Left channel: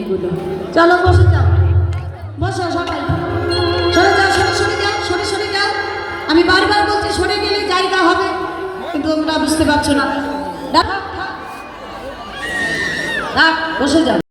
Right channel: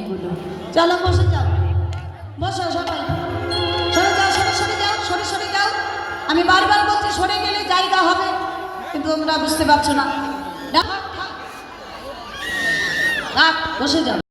এগুলো। চলো বসে যাও, বসো সবাই, সরে যাও, সরে যাও, সরে যাও। আমি বারবার বলছি সরে গেলে জায়গা হবে, কিন্তু তোমরা বুঝতে পারছো না। বসে যাও।